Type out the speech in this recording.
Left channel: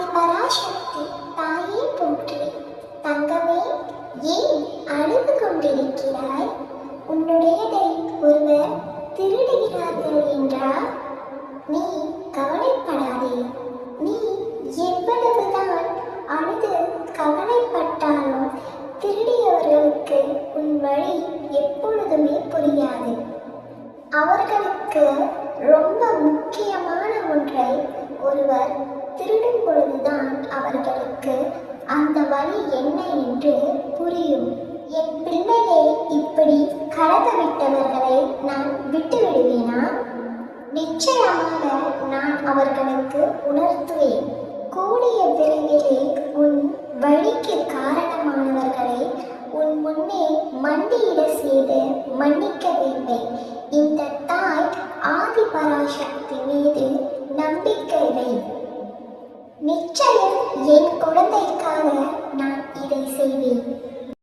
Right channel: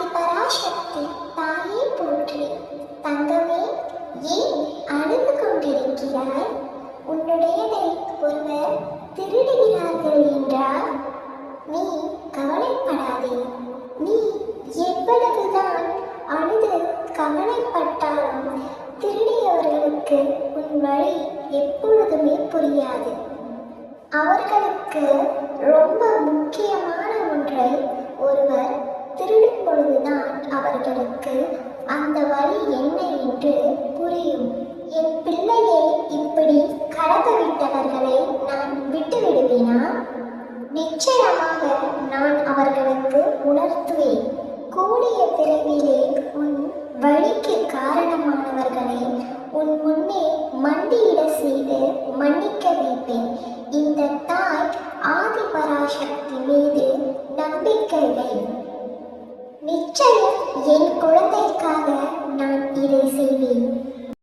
ஆதிபராசக்தி தாயே போற்றி. தங்கமே, ஏன் அழுது கொண்டிருக்கிறாய்? உன்னுடையதை ஒருவர் திருடுகிறார்கள் என்றால் நீ கவலைப்படாதே. நீ எவ்வளவுதான் அழுது கவலைப்பட்டாலும் திருடியவர்களுக்கு உன் வழி எப்பொழுதுமே புரியாது. அவர்களுக்கு ரொம்ப முக்கியமான ஒன்றை ஒருவர் திருடும் பொழுதுதான் அவர்களுக்கு அந்த வழி என்ன என்று புரியும். என் பிள்ளையை இப்படி கடந்து விட்டவர்களை நான் விட்டு விடுவேனா? நிச்சயமாக நான் அவர்களுக்கு உணர்த்துவேன். கூடிய விரைவிலே உன் வழிக்கு காரணமானவர்களை உன் முன்னே மண்டியிட செய்து மன்னிக்க வைப்பேன். இந்த தாய் ஆதிபராசக்தி மீது நம்பிக்கை வை. நிச்சயம் என் குழந்தைக்காக நான் இதை செய்வேன்.